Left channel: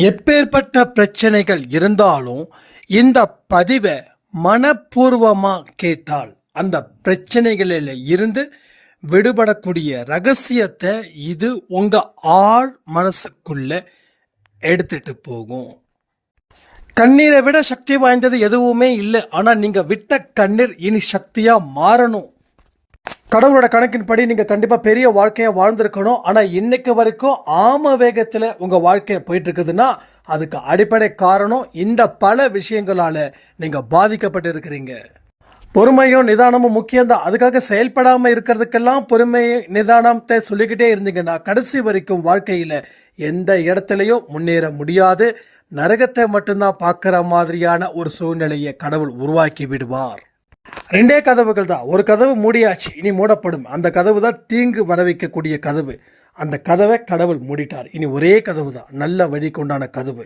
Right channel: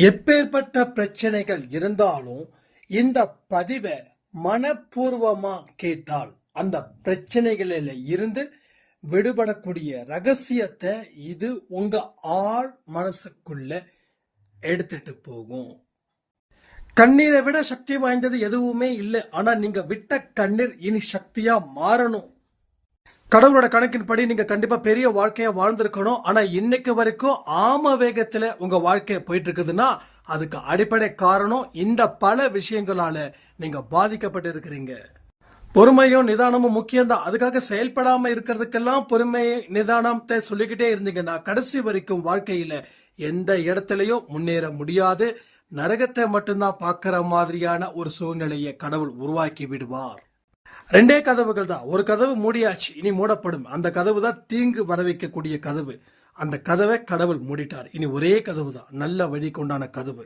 எப்பேற்பட்ட பிரச்சனைகள் இருந்தாலும் இந்த பதிவை மனப்பூர்வமாக கேட்டால் அந்த பிரச்சனைகளில் இருந்து விடுபடக்கூடிய ரகசியத்தை இது உங்கள் ஆழ் மனசுக்குள்ள எடுத்துட்டு போகும். கண்ணீரை விட சக்தி வாய்ந்தது எதுவுமே இல்லை. ஆனால் நீங்கள் விட்ட கண்ணீர் இனி சக்தியாக மாறணும். கடவுளோட கணக்கின்படி நீங்கள் கண்டிப்பாக பெரிய வாழ்க்கையை வாழ்ந்திருக்கணும். ஆனால் இன்னைக்கு வரைக்கும் ஆம வேகத்தில் உங்கள் வாழ்க்கையை போயிட்டு இருக்குதுன்னா அதுக்கு அடிப்படை காரணம் இந்த பல விஷயங்களால் நீங்கள் பாதிக்கப்பட்டு இருக்கிறீங்க. பொறுமையும் நிதானமும் முக்கியம்தான். அதுக்காக செயல்படாமல் இருக்கிறதுக்கெல்லாம் பொறுமை நிதானத்தை சொல்லிக்கிட்டே இருந்தீங்கன்னா கடைசி வரைக்கும் வாழ்க்கையில் எந்த இடத்துலையும் முன்னேற முடியாது. நரகத்தை மட்டும்தான் பார்க்குற மாதிரியான ஒரு சூழ்நிலையை கடவுள் உருவாக்கி விடுவார். ரெண்டே கதவுகள் தான். ஒரு கதவு மூடியாச்சு, இனி மூடப்படும். அந்த கதவு தான் தீங்கு வர வைக்கக்கூடிய கதவு. அந்த கதவை கடவுள் மூடிட்டார். இனி ஒரே கதவு தான், நல்ல வழிக்கு உண்டான கதவு.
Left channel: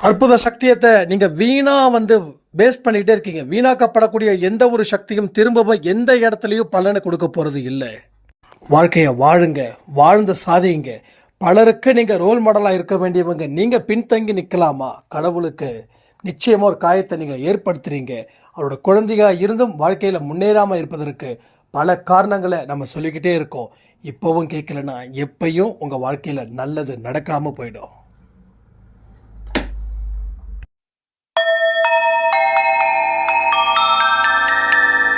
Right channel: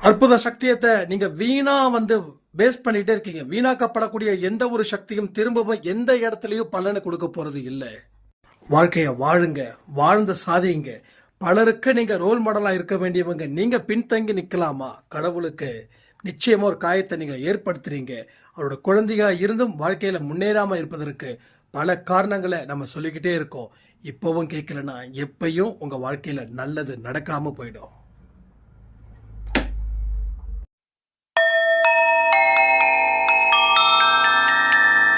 அற்புத சக்தியத்தை நீங்கள் வீணாக பேஸ் பண்ணிகிட்டே இருக்கீங்க. வீணாக்கப்படக்கூடிய எந்த ஒரு சக்தியும் திரும்பவும் எந்த இடத்துலையும் பலனை கொடுக்க போகிறது இல்லை. வாழ்க்கையை வாழுங்க, வாழ்ந்து சாதிங்க. பலருக்கு நீங்கள் ரோல் மாடலாக இருக்க வேண்டியவங்க. நீங்கள் பின்தங்கி நிற்கலாமா? கடவுளுக்கு நிச்சயமாக ஒரு காயத்தை நீங்கள் ஏற்படுத்துகிறீங்க. அவரோட குழந்தையாக இருந்தும் வாழ்க்கையில் முன்னேறாமல் இருப்பதற்கு பல காரணங்களை நம்ம சொல்லிக்கிட்டே இருக்கோம். இப்போவும் கேட்கலன்னா எப்பையும் உங்கள் வாழ்க்கையில் நல்லது நடக்காமல் போயிடும்.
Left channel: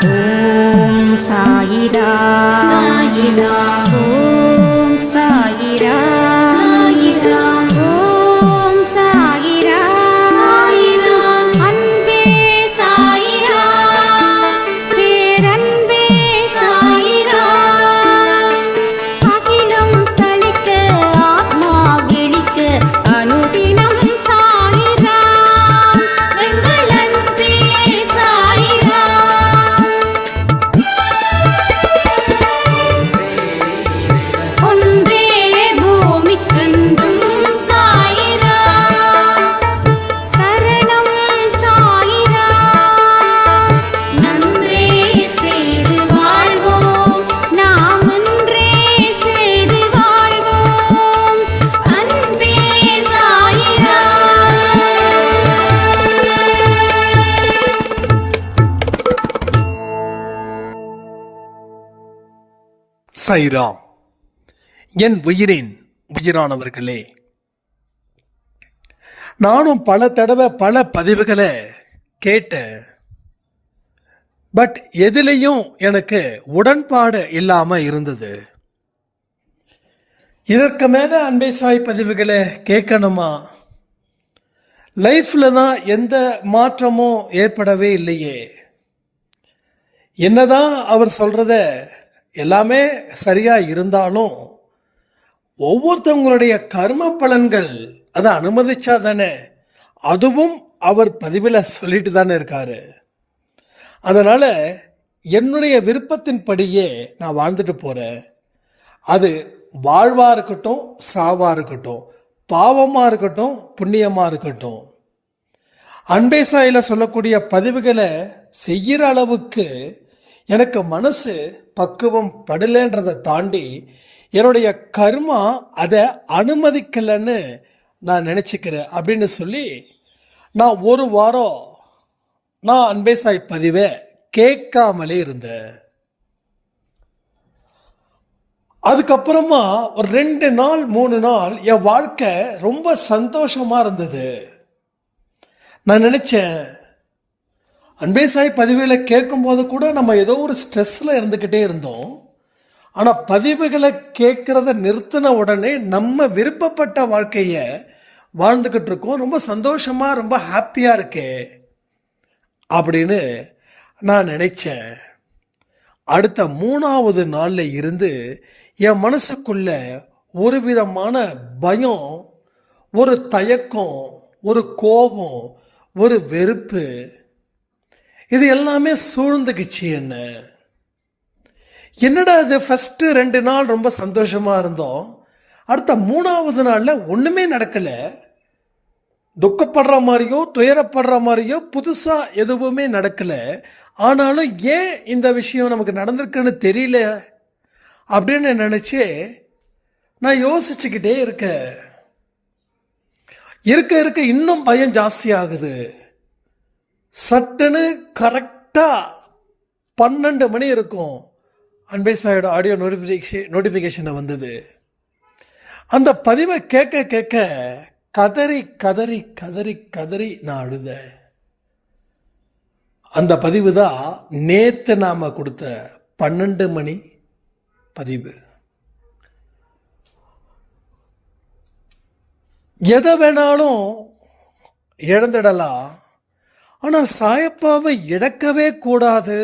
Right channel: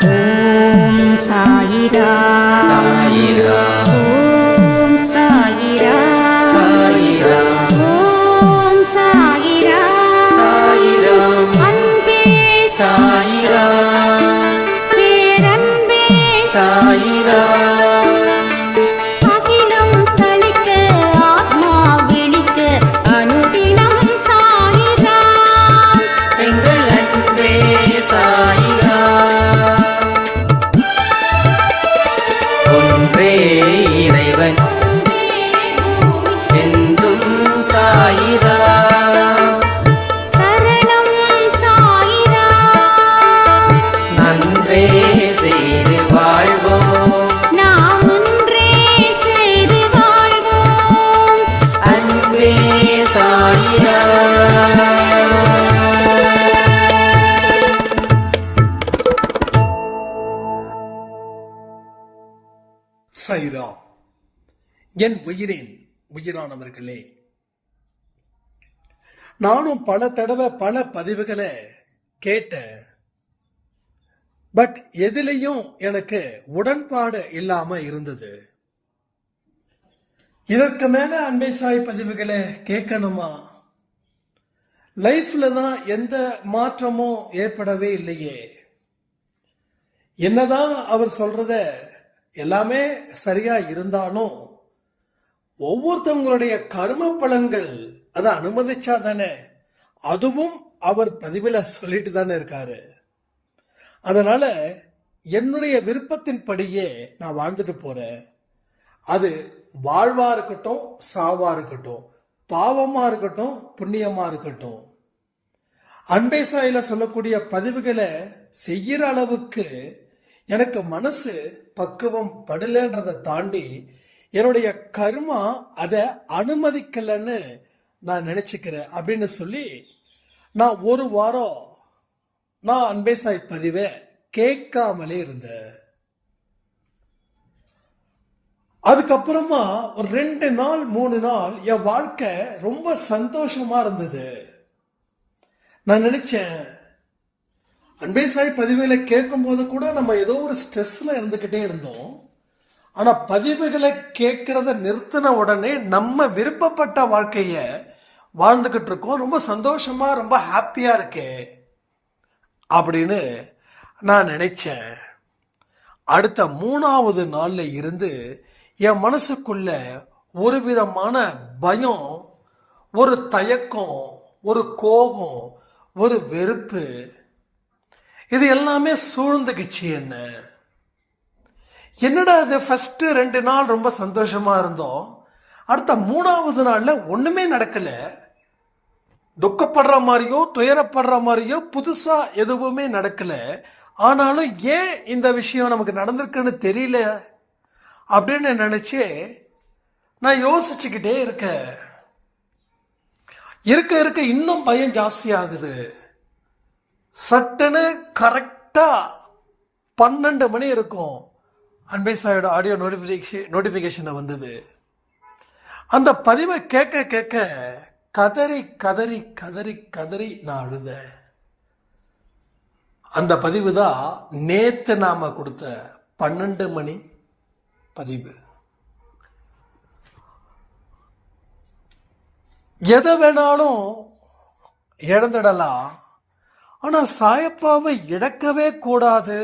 ஓம் சாயிரா சாயிரா, ஓம் சாயிரா சாயிரா, ஓம் சாயிரா சாயிரா, அன்பே சாயிரா, பேரன்பே சாயிரா, அகிலம் தளிக்க ஆத்மா விழிக்க அனுதினம் சாயிரா, எங்கள் அன்பே சாயிரா. ஒன்றே பூமிக்கென்றும் சாயிரா, சரணம் சாயிரா, நன்றே செய்து வாழ்வோம், நாம் ஒன்றே செய்து வாழ்வோம், அன்பே சாயிரா. சாய்ராம். என் உயிரின் உயிரானவர்களே, நானும் பல தடவை பல பதிவுகளை கேட்டேன். பட் எதுலேயும் எனக்கு உடன்பாடு இல்லாமல் இருந்தது. இதற்கு மேலே அன்பை சாய் பதிவுகளை கேட்கணுமா? லைஃப்பில் தான் எந்த மாற்றமும் ஏற்படவே இல்லையே. என்னதான் அவர் சொல்கிறத எல்லாமே சரியாக இருந்தாலும் ஒவ்வொருத்தவங்களுடைய கர்ம பலன்கள் அதை அனுமதிச்சா தானே. அதுவும் அவர் பதிவில் சொல்லிட்டு தானே இருக்காரு. அதனால் என்னுடைய விருப்பத்தின்படியே நான் வாழ்ந்துட்டு போகிறேன். அது வாழ்வாக இருக்கட்டும், சாவாக இருக்கட்டும், பாவமாக இருக்கட்டும், புண்ணியமாக இருக்கட்டும், அன்பே சாயில் சொல்லக்கூடிய பதிவுகளை செய்கிற அளவுக்கு எனக்கு மனசு பக்குவம் படலைன்றதை தாண்டி என்னுடைய கர்மா அதை அனுமதிக்கலைன்னு நான் நினச்சிக்கிறேன் அப்படின்னு சொல்லி நான் ஒரு வாரம் நான் அன்பே சாய் பதிவை கேட்காமலே இருந்தேன். அதுக்கப்புறமா ஒரு 2 நாள் 3 நாள் என் வாழ்க்கை ரொம்ப சந்தோஷமாக இருந்தது. நான் நினச்சேன், அன்பே சாய் பதிவுகளை கேட்கும்போது கூட நம்ம ஏதோ ஒரு ஸ்ட்ரெஸ்ஸில் இருந்துக்கிட்டே இருந்தோம். ஆனால் பதிவுகளை கேட்குறத நிறுத்தின உடனே நம்ம விருப்பப்பட்ட வாழ்க்கையை வாழ்ந்துக்கிட்டு இருக்கோம். ரொம்ப சந்தோஷமாக, ரொம்ப ஹாப்பியாக இருக்கே அப்படின்னு நான் நினச்சேன். அடுத்த 3ஆவது நாளில் இருந்து என் மனசுக்குள்ள ஒரு விதமான பயம், ஒரு தயக்கம், ஒரு கோபம், ஒரு வெறுப்பு, இது எல்லாமே சூழ்ந்துக்குச்சு. என்னடா இது, ஃபஸ்ட்டு 2 நாள் ரொம்ப சந்தோஷமாக இருந்தோம், அடுத்த 3ஆவது நாளில் ஒன்றுமே நடக்கலை. துக்கப்படுற மாதிரியோ துயரப்படுற மாதிரியோ புதுசாக எதுவுமே நடக்கலை. ஆனாலும் ஏன் இந்த விஷயம் நமக்கு நடந்திருக்குன்னு தெரியல அப்படின்னு நினச்சி நான் யோசிச்சுக்கிட்டே இருக்கேன். இருக்க இருக்க இன்னும் பயம் ஜாஸ்தி ஆகுது. சட்டுன்னு கரெக்டாக 12 மணி இருக்கும், அன்பே சாயோட ஆடியோ நோட்டிஃபிகேஷனை வந்தது. அந்த பதிவை கேட்க கேட்க கதறி கதறி கதறி கதறி நான் அழுதேன். அந்த பதிவு தான் நேற்று நாம் கொடுத்த 12 மணி பதிவு. எதை வேணாலும் இழந்துடலாம், ஆனால் சாயப்பாவை இழக்கவே கூடாது.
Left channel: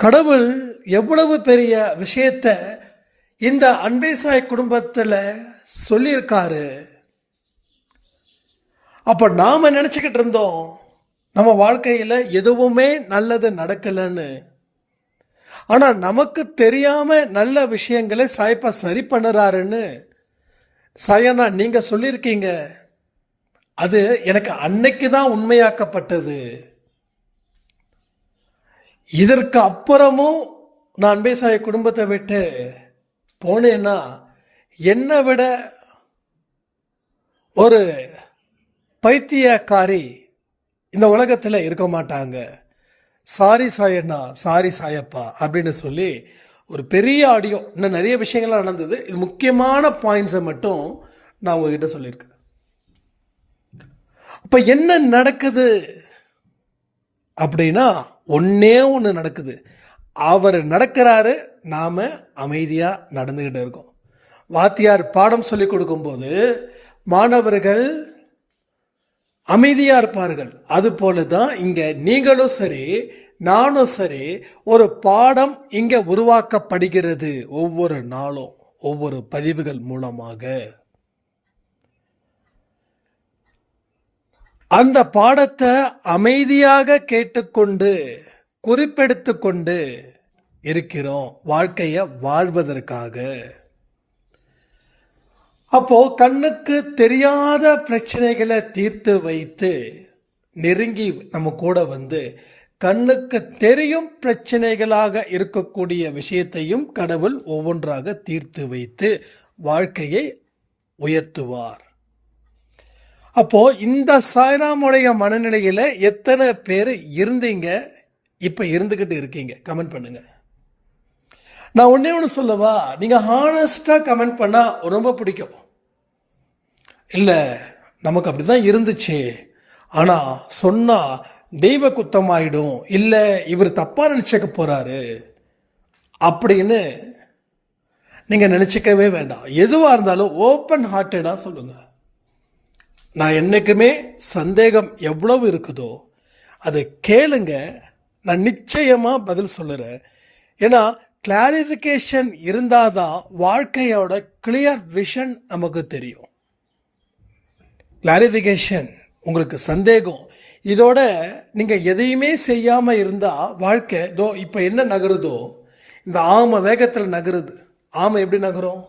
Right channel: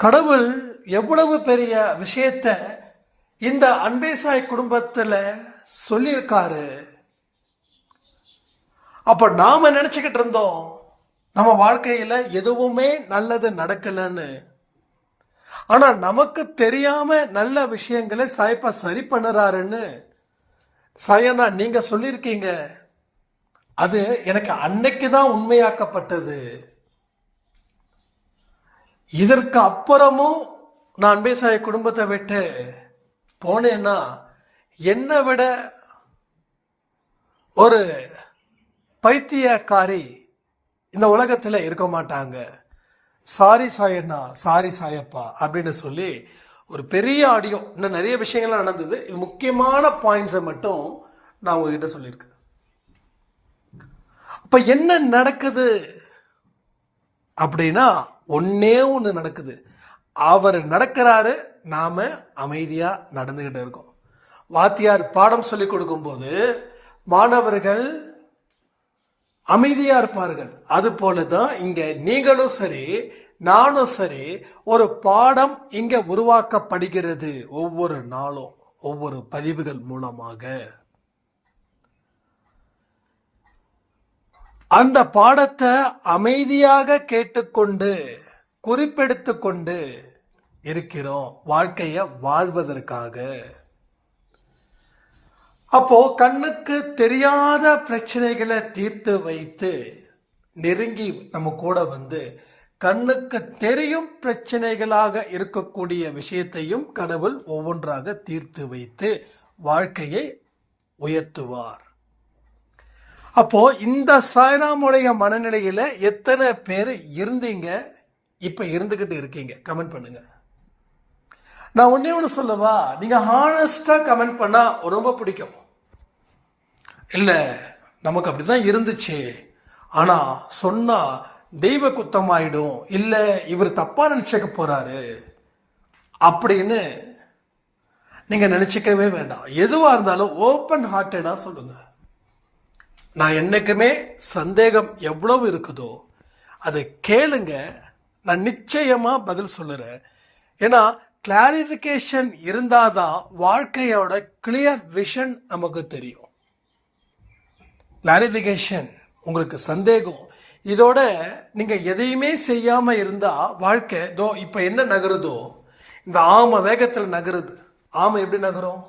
கடவுள் எவ்வளவு பெரிய விஷயத்தை இந்த அன்பே சாய் குடும்பத்தில் சொல்லியிருக்காரு. அப்போ நாம் நினச்சிக்கிட்டு இருந்தோம் நம்ம வாழ்க்கையில் எதுவுமே நல்லது நடக்கலைன்னு. ஆனால் நமக்கு தெரியாமல் நல்ல விஷயங்களை சாயப்பா சரி பண்ணுறாருன்னு சாயண்ணா நீங்கள் சொல்லியிருக்கீங்க. அது எனக்கு அன்னைக்கு தான் உண்மையாக்கப்பட்டது. இதற்கு அப்புறமும் நான் அன்பே சாய் குடும்பத்தை விட்டு போனேன்னா என்னை விட ஒரு பைத்தியக்காரி இந்த உலகத்தில் இருக்க மாட்டாங்க. சாரி சாயண்ணா, சாரி சாயப்பா அப்படின்னு சொல்லி ஒரு பெரிய ஆடியோ, இன்னும் நிறைய விஷயங்கள்லாம் நடந்தது. இது முக்கியமான பாயிண்ட்ஸை மட்டும் நான் உங்ககிட்ட சொல்லியிருக்கேன். அப்போ என்ன நடக்குது அப்படின்னா ஒன்றே ஒன்று நடக்குது. அவர் நடக்கிறாரு, நாம் அமைதியாக நடந்துக்கிட்டு இருக்கோம். வாத்தியார் பாடம் சொல்லி கொடுக்கும்போது மாணவர்கள் அமைதியாக இருப்பார்கள். அதுபோல தான் இங்கே நீங்களும் சரி நானும் சரி ஒரு பாடம் இங்கே உருவாக்கப்படுகிறது ஒவ்வொரு நாளும் ஒவ்வொரு பதிவுகள் மூலமாக. அந்த பாடத்தை அமைதியாக கேட்டுக்கொண்டு குறிப்பெடுத்து கொண்டு இருக்கிறோம் வாழ்க்கையை வாழ்வதற்காக. அப்போ கண்ணுக்கு தெரியாத பிரச்சனைகளை தீர்த்து வைத்து நெருங்கி நம்ம கூட வந்து கண்ணுக்கு தெரியும் பிரச்சனைகளாக இருக்கக்கூடிய விஷயத்தையும் கடவுள் ஒவ்வொன்றாக தீர்த்து வைத்து வாழ்க்கையை உயர்த்துவார். அப்போ இந்த சாய்ராமுடைய மனநிலையில் எத்தனை பேர் இருந்தீங்க, இப்போ இருந்துக்கிட்டு இருக்கீங்க? கமெண்ட் பண்ணுங்க. நான் ஒன்றே ஒன்று சொல்லவா, நீங்கள் ஹானஸ்டாக கமெண்ட் பண்ணால் ரொம்ப பிடிக்கும். இல்லை நமக்கு அப்படி தான் இருந்துச்சு, ஆனால் சொன்னால் தெய்வ குத்தமாயிடும், இல்லை இவர் தப்பாக நினச்சிக்க போகிறாரு அப்படின்னு நீங்கள் நினச்சிக்கவே வேண்டாம். எதுவாக இருந்தாலும் ஓப்பன் ஹார்ட்டடாக சொல்லுங்கள். நான் என்றைக்குமே சந்தேகம் எவ்வளவு இருக்குதோ அதை கேளுங்க, நான் நிச்சயமாக பதில் சொல்லுறேன். ஏன்னா கிளாரிஃபிகேஷன் இருந்தால் தான் வாழ்க்கையோட கிளியர் விஷன் நமக்கு தெரியும். கிளாரிஃபிகேஷன் உங்களுக்கு சந்தேகம், இதோட நீங்கள் எதையுமே செய்யாமல் இருந்தால் வாழ்க்கை தோ இப்போ என்ன நகருதோ இந்த ஆமை வேகத்தில் நகருது. ஆமை எப்படி நகரும்?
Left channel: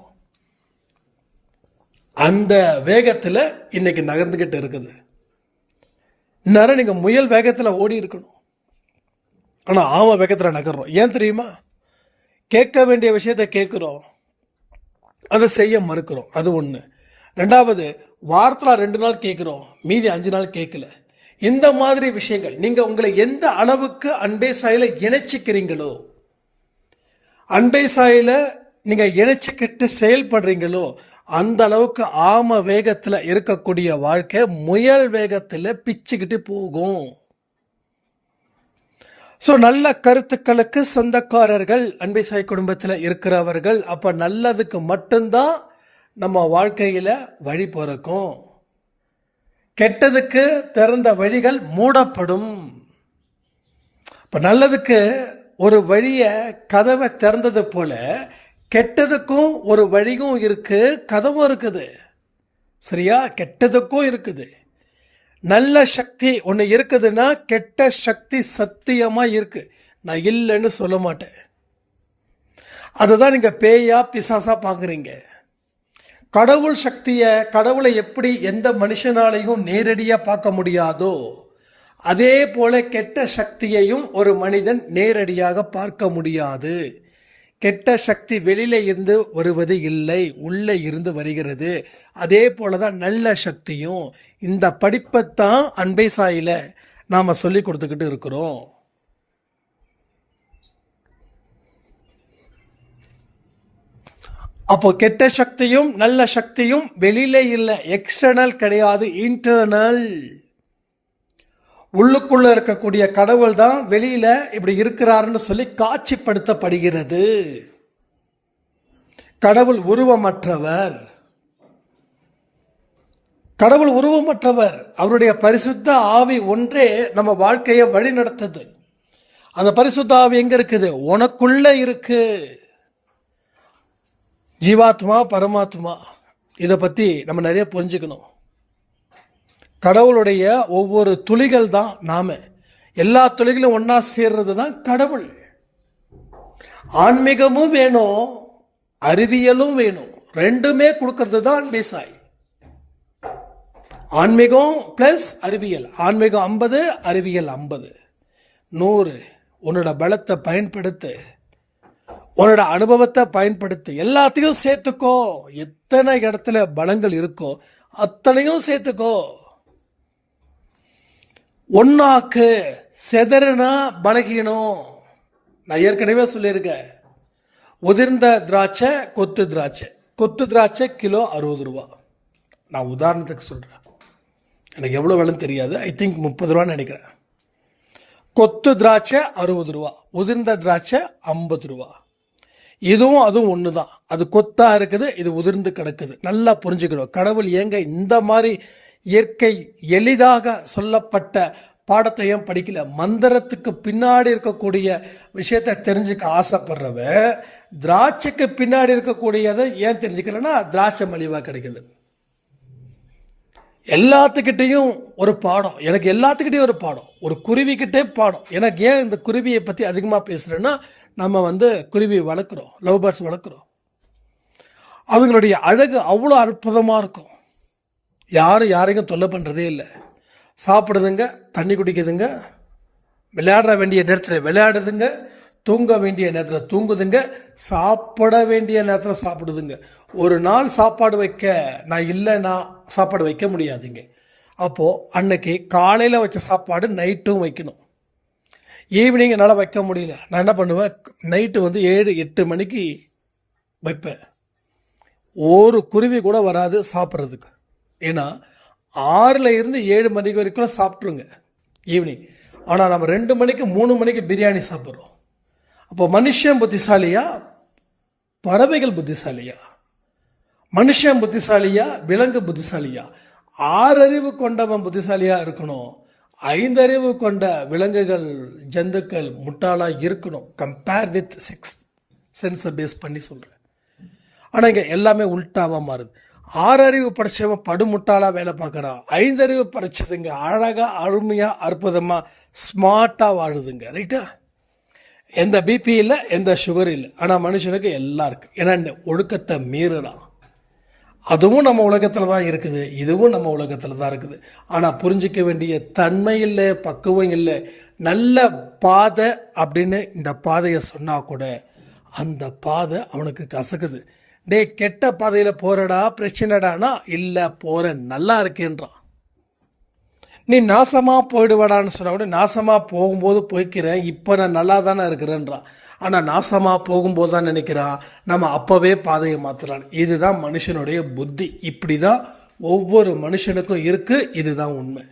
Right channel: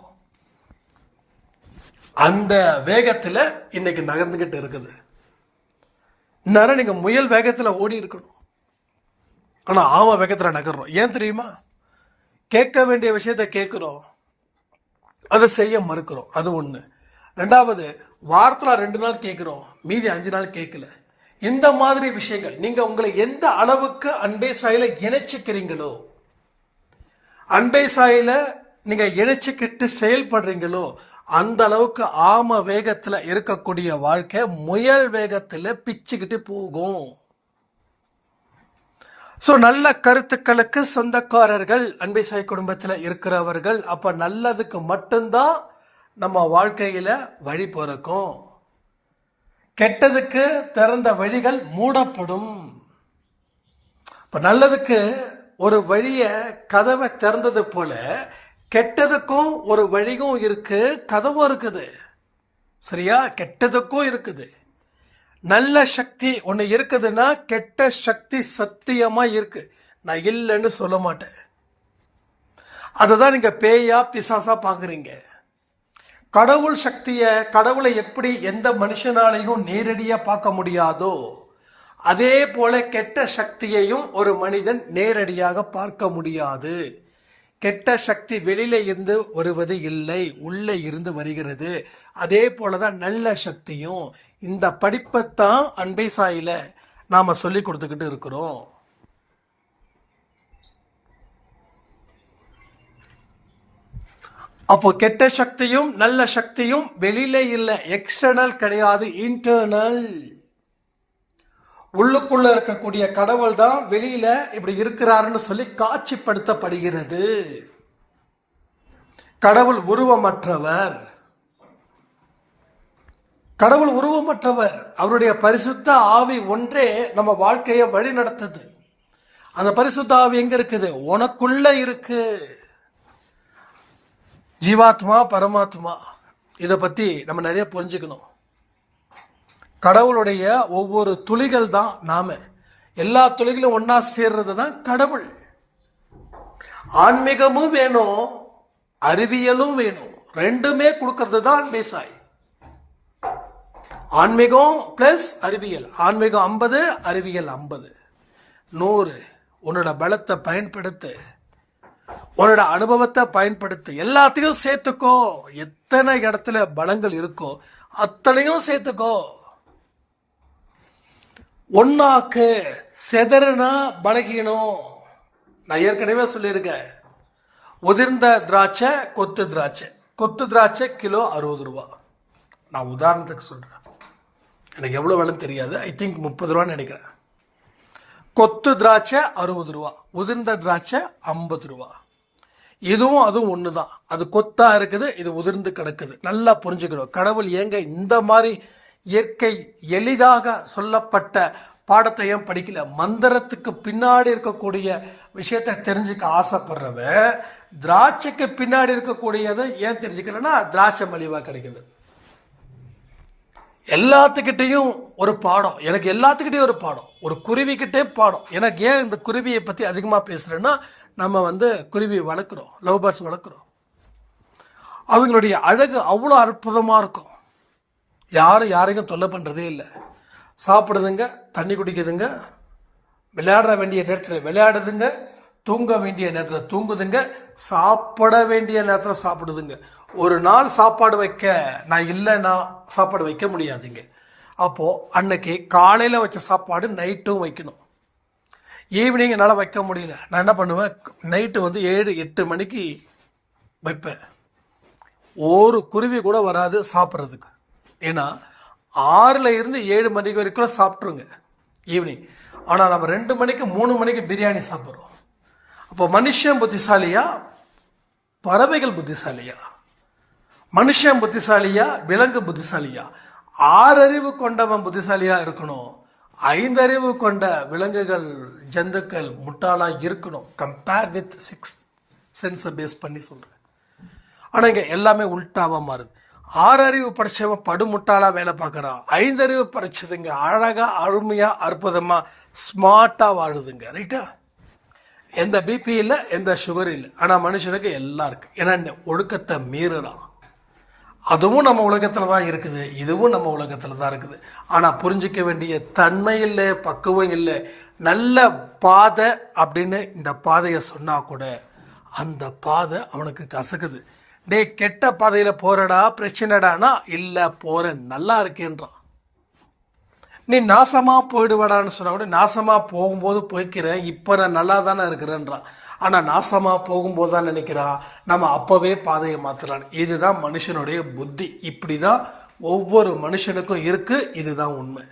அந்த வேகத்தில் இன்னைக்கு நகர்ந்துக்கிட்டு இருக்குது. இந்நேரம் நீங்கள் முயல் வேகத்தில் ஓடி இருக்கணும், ஆனால் ஆமை வேகத்தில் நகர்றோம். ஏன் தெரியுமா? கேட்க வேண்டிய விஷயத்தை கேட்குறோம், அதை செய்ய மறுக்கிறோம். அது ஒன்று. ரெண்டாவது, வாரத்தில் 2 நாள் கேட்குறோம், மீதி 5 நாள் கேட்கல. இந்த மாதிரி விஷயங்கள் நீங்கள் உங்களை எந்த அளவுக்கு அன்பே சாயில இணைச்சிக்கிறீங்களோ, அன்பே சாயில நீங்கள் இணைச்சிக்கிட்டு செயல்படுறீங்களோ அந்த அளவுக்கு ஆம வேகத்தில் இருக்கக்கூடிய வாழ்க்கை முயல் வேகத்தில் பிச்சுக்கிட்டு போகும். ஸோ நல்ல கருத்துக்களுக்கு சொந்தக்காரர்கள் அன்பே சாய் குடும்பத்தில் இருக்கிறவர்கள். அப்போ நல்லதுக்கு மட்டும்தான் நம்ம வாழ்க்கையில் வழி பிறக்கும். கெட்டதுக்கு திறந்த வழிகள் மூடப்படும். இப்போ நல்லதுக்கு ஒரு வழியை கதவை திறந்தது போல கெட்டதுக்கும் ஒரு வழியும் இருக்கு, கதவும் இருக்குது. சரியா? கெட்டதுக்கும் இருக்குது. நல்ல சக்தி ஒன்று இருக்குதுன்னா கெட்ட சக்தி சத்தியமாக இருக்குது. நான் இல்லைன்னு சொல்ல மாட்டேன். அதை தான் நீங்கள் பேயா பிசாசா பார்க்குறீங்க. கடவுள் சக்தியை, கடவுளை எப்படி எந்த மனுஷனாலையும் நேரடியாக பார்க்க முடியாதோ அதே போல கெட்ட சக்தியையும் ஒரு மனிதன் நேரடியாக பார்க்க முடியாது. கெட்ட சக்தி வெளியில இருந்து வருவது இல்லை, உள்ளே இருந்து வருகிறது. அதே போல தான் நல்ல சக்தியும். இந்த படிப்பைத்தான் அன்பே சாயில நாம் சொல்லி கொடுத்துக்கிட்டு இருக்கிறோம். அப்போ கெட்ட சக்தியும் நல்ல சக்தியும் வெளியில இல்லை, எக்ஸ்டர்னல் கிடையாது, இன்டர்னல். உள்ளுக்குள்ள இருக்கக்கூடிய கடவுள் தான் வெளியில இப்படி இருக்கிறாருன்னு சொல்லி காட்சிப்படுத்தப்படுகிறது. கடவுள் உருவமற்றவர். கடவுள் உருவமற்றவர். அவருடைய பரிசுத்த ஆவி ஒன்றே நம்ம வாழ்க்கையை வழி நடத்துது. அந்த பரிசுத்த ஆவி எங்க இருக்குது? உனக்குள்ள இருக்கு. ஜீவாத்மா, பரமாத்மா, இதை பற்றி நம்ம நிறைய புரிஞ்சுக்கணும். கடவுளுடைய ஒவ்வொரு துளிகள் தான் நாம். எல்லா துளிகளும் ஒன்றா சேர்றது தான் கடவுள். ஆன்மீகமும் வேணும், அறிவியலும் வேணும். ரெண்டுமே கொடுக்கறது தான் அன்பே சாய். ஆன்மீகம் ப்ளஸ் அறிவியல். ஆன்மீகம் 50, அறிவியல் 50. 100. உன்னோட பலத்தை பயன்படுத்து, உன்னோட அனுபவத்தை பயன்படுத்து, எல்லாத்தையும் சேர்த்துக்கோ. எத்தனை இடத்துல பலங்கள் இருக்கோ அத்தனையும் சேர்த்துக்கோ. ஒன்னாக்கு. செதறுனா பலகீனம். நான் ஏற்கனவே சொல்லியிருக்கேன். உதிர்ந்த திராட்சை, கொத்து திராட்சை. கொத்து திராட்சை கிலோ 60 ரூபா. நான் உதாரணத்துக்கு சொல்கிறேன், எனக்கு எவ்வளோ விலைன்னு தெரியாது. ஐ திங்க் 30 ரூபான்னு நினைக்கிறேன். கொத்து திராட்சை 60 ரூபா, உதிர்ந்த திராட்சை 50 ரூபா. இதுவும் அதுவும் ஒன்று தான். அது கொத்தா இருக்குது, இது உதிர்ந்து கிடக்குது. நல்லா புரிஞ்சுக்கணும். கடவுள் ஏங்க இந்த மாதிரி இயற்கை எளிதாக சொல்லப்பட்ட பாடத்தையும் படிக்கல? மந்திரத்துக்கு பின்னாடி இருக்கக்கூடிய விஷயத்தை தெரிஞ்சுக்க ஆசைப்படுறவ திராட்சைக்கு பின்னாடி இருக்கக்கூடியதை ஏன் தெரிஞ்சுக்கிறேன்னா திராட்சை மலிவாக கிடைக்குது. எல்லாத்துக்கிட்டையும் ஒரு பாடம், எனக்கு எல்லாத்துக்கிட்டையும் ஒரு பாடம், ஒரு குருவிக்கிட்டே பாடம். எனக்கு ஏன் இந்த குருவியை பற்றி அதிகமாக பேசுகிறேன்னா, நம்ம குருவி வளர்க்குறோம், லவ் பேர்ட்ஸ் வளர்க்குறோம். அவங்களுடைய அழகு அவ்வளோ அற்புதமாக இருக்கும். யாரும் யாரையும் தொல்லை பண்ணுறதே இல்லை. சாப்பிடுதுங்க, தண்ணி குடிக்குதுங்க, விளையாட வேண்டிய நேரத்தில் விளையாடுதுங்க, தூங்க வேண்டிய நேரத்தில் தூங்குதுங்க, சாப்பிட வேண்டிய நேரத்தில் சாப்பிடுதுங்க. ஒரு நாள் சாப்பாடு வைக்க நான் இல்லைன்னா சாப்பாடு வைக்க முடியாதுங்க. அப்போது அன்னைக்கு காலையில் வச்ச சாப்பாடு நைட்டும் வைக்கணும். ஈவினிங் என்னால் வைக்க முடியல. நான் என்ன பண்ணுவேன், நைட்டு 7-8 மணிக்கு வைப்பேன். ஒரு குருவி கூட வராது சாப்பிட்றதுக்கு. ஏன்னா 6ல் இருந்து 7 மணிக்கு வரைக்கும் சாப்பிட்ருங்க ஈவினிங். ஆனால் நம்ம 2 மணிக்கு 3 மணிக்கு பிரியாணி சாப்பிட்றோம். அப்போ மனுஷன் புத்திசாலியா, பறவைகள் புத்திசாலியா? மனுஷன் புத்திசாலியா, விலங்கு புத்திசாலியா? 6 அறிவு கொண்டவன் புத்திசாலியா இருக்கணும். 5 அறிவு கொண்ட விலங்குகள், ஜந்துக்கள் முட்டாளாக இருக்கணும். கம்பேர் வித் 6 சென்ஸை பேஸ் பண்ணி சொல்கிறேன். ஆனால் இங்கே எல்லாமே உல்ட்டாவாக மாறுது. 6 அறிவு படித்தவன் படுமுட்டாளாக வேலை பார்க்குறான். 5 அறிவு படித்ததுங்க அழகாக, அருமையாக, அற்புதமாக, ஸ்மார்ட்டாக வாழுதுங்க. ரைட்டா? எந்த பிபி இல்லை, எந்த சுகர் இல்லை. ஆனால் மனுஷனுக்கு எல்லாம் இருக்குது. ஏன்னா இந்த ஒழுக்கத்தை மீறுறான். அதுவும் நம்ம உலகத்தில் தான் இருக்குது, இதுவும் நம்ம உலகத்தில் தான் இருக்குது. ஆனால் புரிஞ்சிக்க வேண்டிய தன்மை இல்லை, பக்குவம் இல்லை. நல்ல பாதை அப்படின்னு இந்த பாதையை சொன்னால் கூட அந்த பாதை அவனுக்கு கசக்குது. டே, கெட்ட பாதையில் போகிறடா, பிரச்சனைடானா, இல்லை போகிறேன், நல்லா இருக்கேன்றான். நீ நாசமாக போயிடுவாடான்னு சொன்னால் கூட நாசமாக போகும்போது போய்க்கிறேன், இப்போ நான் நல்லா தானே இருக்கிறேன்றான். ஆனால் நாசமாக போகும்போது தான் நினைக்கிறான் நம்ம அப்போவே பாதையை மாற்றலான்னு. இதுதான் மனுஷனுடைய புத்தி. இப்படி தான் ஒவ்வொரு மனுஷனுக்கும் இருக்குது. இதுதான் உண்மை.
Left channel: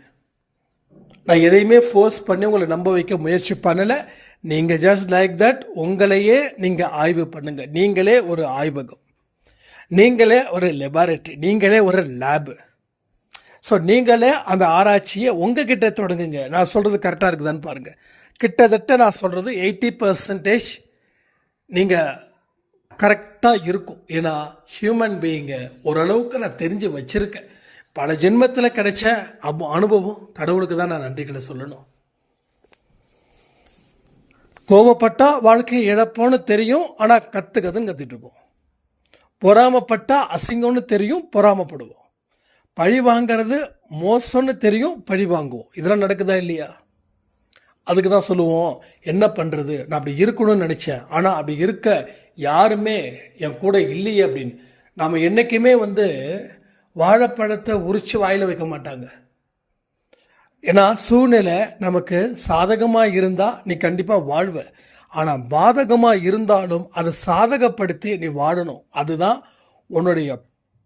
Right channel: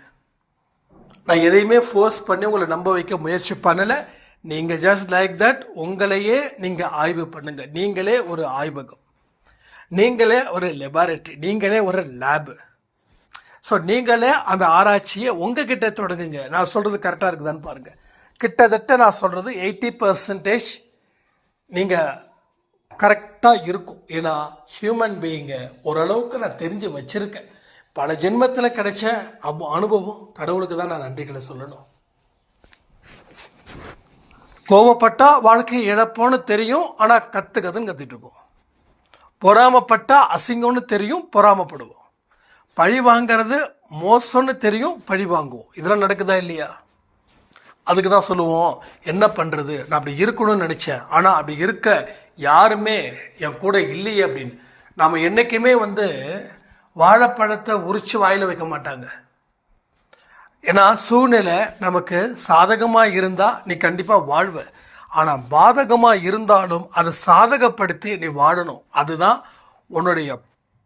நான் எதையுமே ஃபோர்ஸ் பண்ணி உங்களை நம்ப வைக்க முயற்சி பண்ணலை. நீங்கள் ஜஸ்ட் லைக் தட் உங்களையே நீங்கள் ஆய்வு பண்ணுங்கள். நீங்களே ஒரு ஆய்வகம், நீங்களே ஒரு லெபார்ட்டரி, நீங்களே ஒரு லேபு. ஸோ நீங்களே அந்த ஆராய்ச்சியை உங்ககிட்ட தொடங்குங்க. நான் சொல்கிறது கரெக்டாக இருக்குதான்னு பாருங்கள். கிட்டத்தட்ட நான் சொல்கிறது 80% நீங்கள் கரெக்டாக இருக்கும். ஏன்னா ஹியூமன் பீயிங்கை ஓரளவுக்கு நான் தெரிஞ்சு வச்சுருக்கேன். பல ஜென்மத்தில் கிடைச்ச அனுபவம். கடவுளுக்கு தான் நான் நன்றிகளை சொல்லணும். கோபப்பட்டால் வாழ்க்கையை இழப்போன்னு தெரியும், ஆனால் கற்றுக்கதுன்னு கற்றுட்ருக்கோம். பொறாமப்பட்டால் அசிங்கம்னு தெரியும், பொறாமப்படுவோம். பழி வாங்கிறது மோசம்னு தெரியும், பழி வாங்குவோம். இதெல்லாம் நடக்குதா இல்லையா? அதுக்கு தான் சொல்லுவோம், என்ன பண்ணுறது, நான் அப்படி இருக்கணும்னு நினச்சேன், ஆனால் அப்படி இருக்க யாருமே என் கூட இல்லையே அப்படின்னு. நாம் என்றைக்குமே வாழைப்பழத்தை உரித்து வாயில் வைக்க மாட்டாங்க. ஏன்னா சூழ்நிலை நமக்கு சாதகமாக இருந்தால் நீ கண்டிப்பாக வாழ்வ, ஆனால் பாதகமாக இருந்தாலும் அதை சாதகப்படுத்தி நீ வாழணும். அதுதான் உன்னுடைய